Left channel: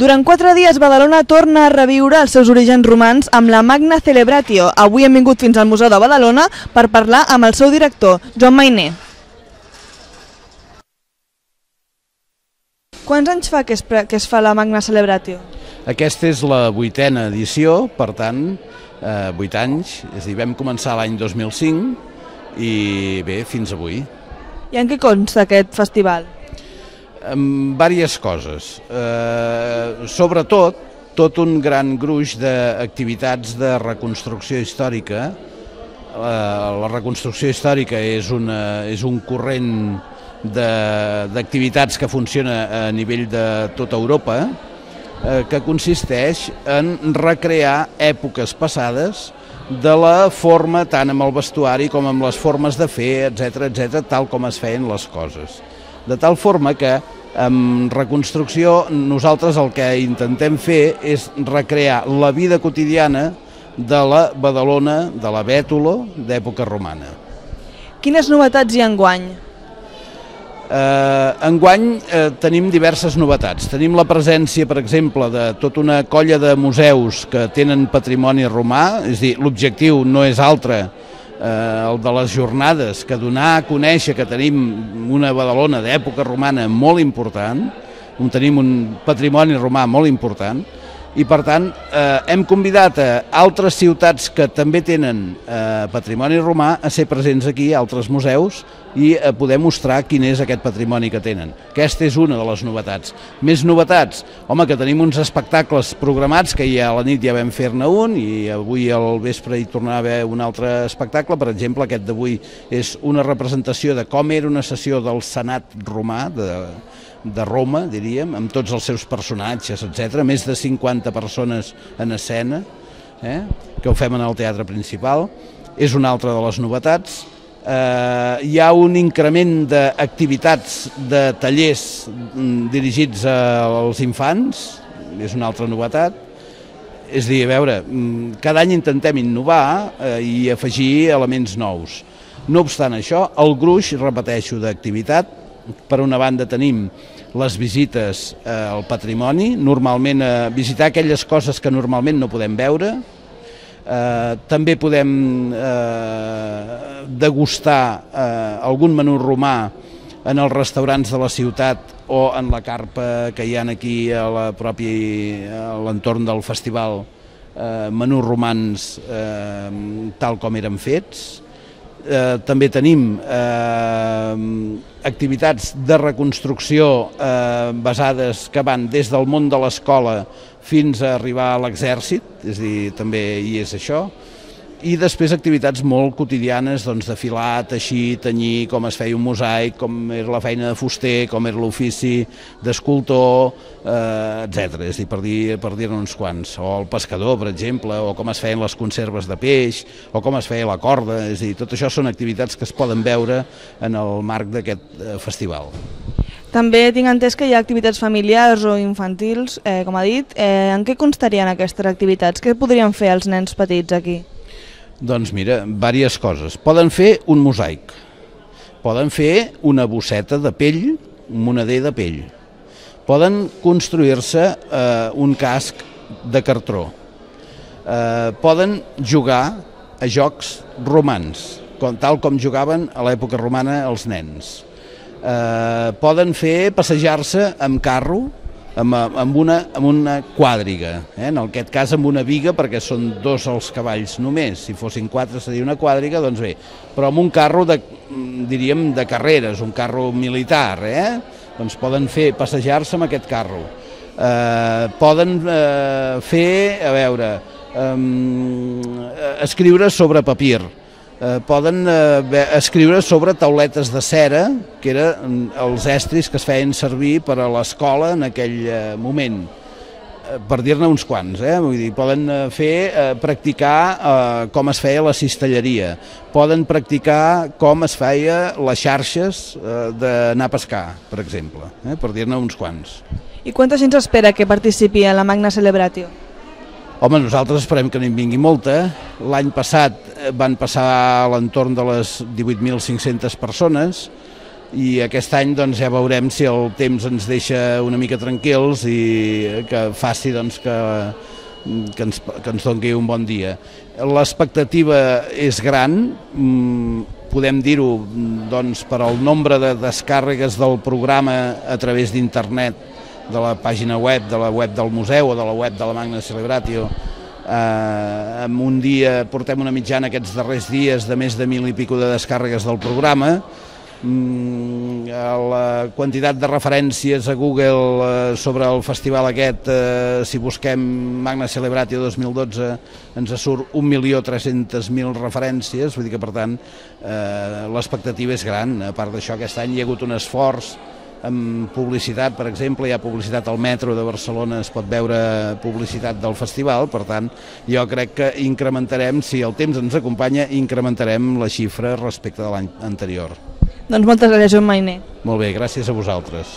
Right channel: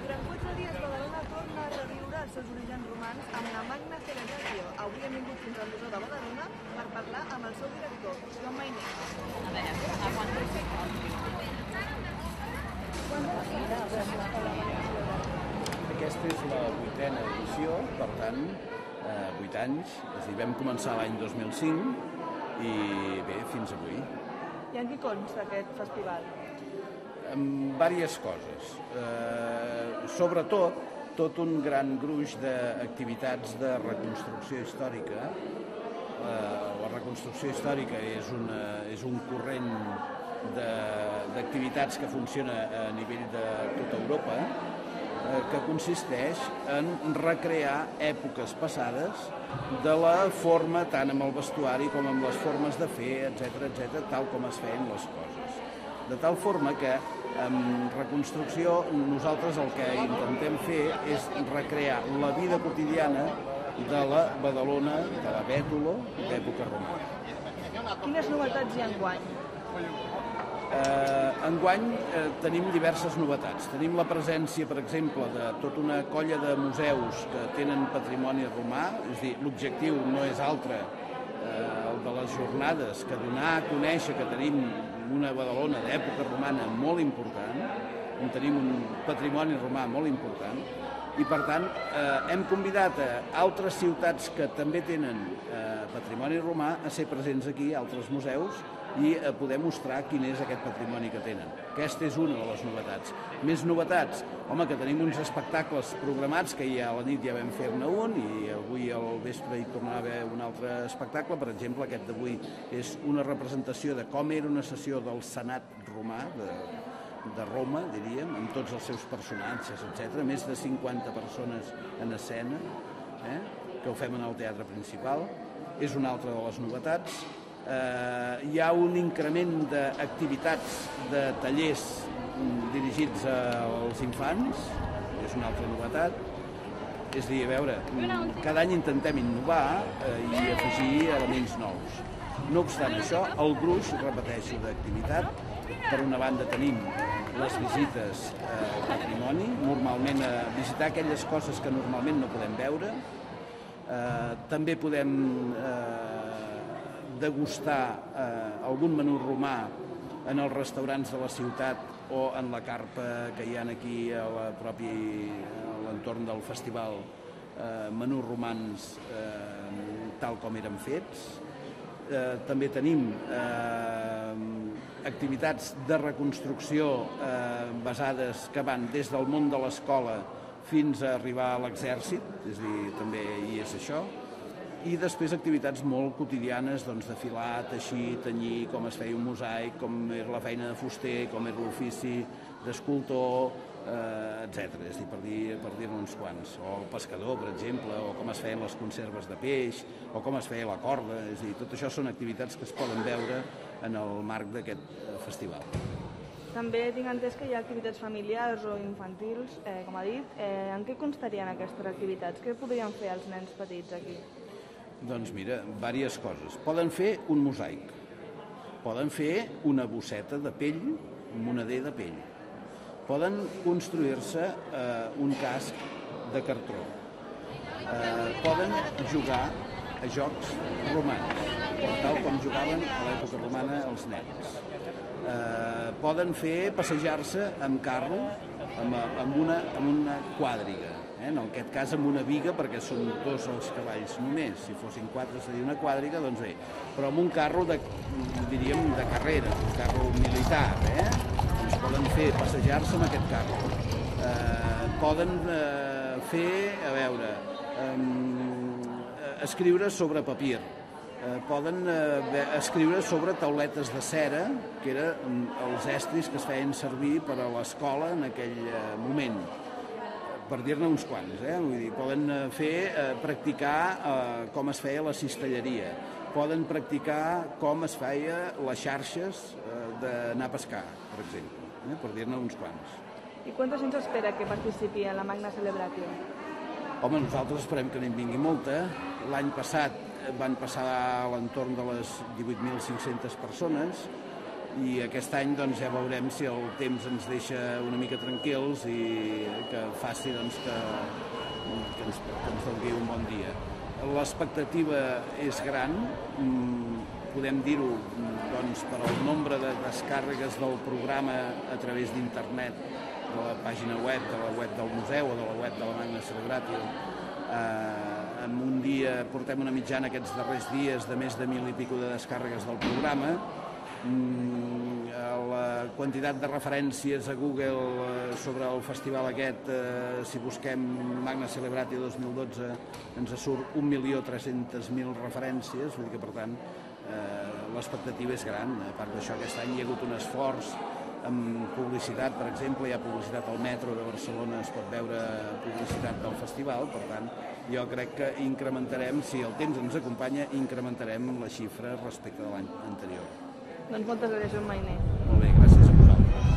Durant 4 dies, Badalona torna a reviure els seus orígens romans amb la Magna Celebratio. Avui hem vingut fins al Museu de Badalona per parlar amb el seu director, Joan Mainer. Quants anys fa que es fa la Magna Celebratio? Aquesta és la 8a edició, per tant, 8 anys. És a dir, vam començar l'any 2005 i bé, fins avui. I en què consta aquest festival? Amb diverses coses. Sobretot, tot un gran gruix d'activitats de reconstrucció històrica. La reconstrucció històrica és un corrent d'activitats que funciona a nivell de tota Europa, que consisteix en recrear èpoques passades de la forma, tant amb el vestuari com amb les formes de fer, etc., tal com es feien les coses. De tal forma que amb reconstrucció nosaltres el que intentem fer és recrear la vida quotidiana de la Badalona, de la Bètolo, d'època romana. Quines novetats hi ha enguany? Enguany tenim diverses novetats. Tenim la presència, per exemple, de tota una colla de museus que tenen patrimoni romà, és a dir, l'objectiu no és altre el de les jornades, que donar a conèixer que tenim una Badalona d'època romana molt important, tenim un patrimoni romà molt important, i per tant hem convidat a altres ciutats que també tenen patrimoni romà a ser presents aquí, a altres museus, i a poder mostrar quin és aquest patrimoni que tenen. Aquesta és una de les novetats. Més novetats? Home, que tenim uns espectacles programats, que ja a la nit ja vam fer-ne un, i avui al vespre hi tornarà a haver un altre espectacle. Per exemple, aquest d'avui és una representació de com era una sessió del Senat romà, de Roma, diríem, amb tots els seus personatges, etc. Més de 50 persones en escena, que ho fem en el teatre principal. És una altra de les novetats. Hi ha un increment d'activitats, de tallers dirigits als infants, és una altra novetat. És a dir, a veure, cada any intentem innovar i afegir elements nous. No obstant això, el gruix, repeteixo, d'activitat, per una banda tenim les visites al patrimoni, normalment visitar aquelles coses que normalment no podem veure. També podem degustar algun menú romà en els restaurants de la ciutat o en la carpa que hi ha aquí a l'entorn del festival, menús romans tal com eren fets. També tenim activitats de reconstrucció basades que van des del món de l'escola fins a arribar a l'exèrcit, és a dir, també hi és això, i després activitats molt quotidianes de filar, teixir, tenyir, com es feia un mosaic, com era la feina de fuster, com era l'ofici d'escultor, etc. És a dir, per dir-ne uns quants. O el pescador, per exemple, o com es feien les conserves de peix, o com es feia la corda. És a dir, tot això són activitats que es poden veure en el marc d'aquest festival. També tinc entès que hi ha activitats familiars o infantils, com ha dit. En què constarien aquestes activitats? Què podrien fer els nens petits aquí? Doncs mira, diverses coses. Poden fer un mosaic, poden fer una bosseta de pell, un moneder de pell, poden construir-se un casc de cartró, poden jugar a jocs romans, tal com jugaven a l'època romana els nens. Poden fer passejar-se amb carro, amb una quàdriga, en aquest cas amb una viga, perquè són 2 els cavalls només. Si fossin 4 seria una quàdriga, doncs bé, però amb un carro diríem de carreres, un carro militar, doncs poden fer passejar-se amb aquest carro. Poden fer, a veure, escriure sobre papir. Poden escriure sobre tauletes de cera, que eren els estris que es feien servir per a l'escola en aquell moment, per dir-ne uns quants. Vull dir, poden practicar com es feia la cistelleria, poden practicar com es feia les xarxes d'anar a pescar, per exemple, per dir-ne uns quants. I quanta gent s'espera que participi en la Magna Celebratio? Home, nosaltres esperem que n'hi vingui molta. L'any passat van passar a l'entorn de les 18.500 persones. i aquest any doncs, ja veurem si el temps ens deixa una mica tranquils i que faci doncs, que ens doni un bon dia. L'expectativa és gran, podem dir-ho doncs, per al nombre de descàrregues del programa a través d'internet, de la pàgina web, de la web del museu o de la web de la Magna Celebratio. En un dia portem una mitjana aquests darrers dies de més de 1.000 i pico de descàrregues del programa. La quantitat de referències a Google sobre el festival aquest, si busquem Magna Celebratio 2012, ens surt 1.300.000 referències, vull dir que per tant l'expectativa és gran. A part d'això, aquest any hi ha hagut un esforç amb publicitat, per exemple, hi ha publicitat al metro de Barcelona, es pot veure publicitat del festival, per tant, jo crec que incrementarem, si el temps ens acompanya, incrementarem la xifra respecte de l'any anterior. Doncs moltes gràcies, Joan Mainer. Molt bé, gràcies a vosaltres.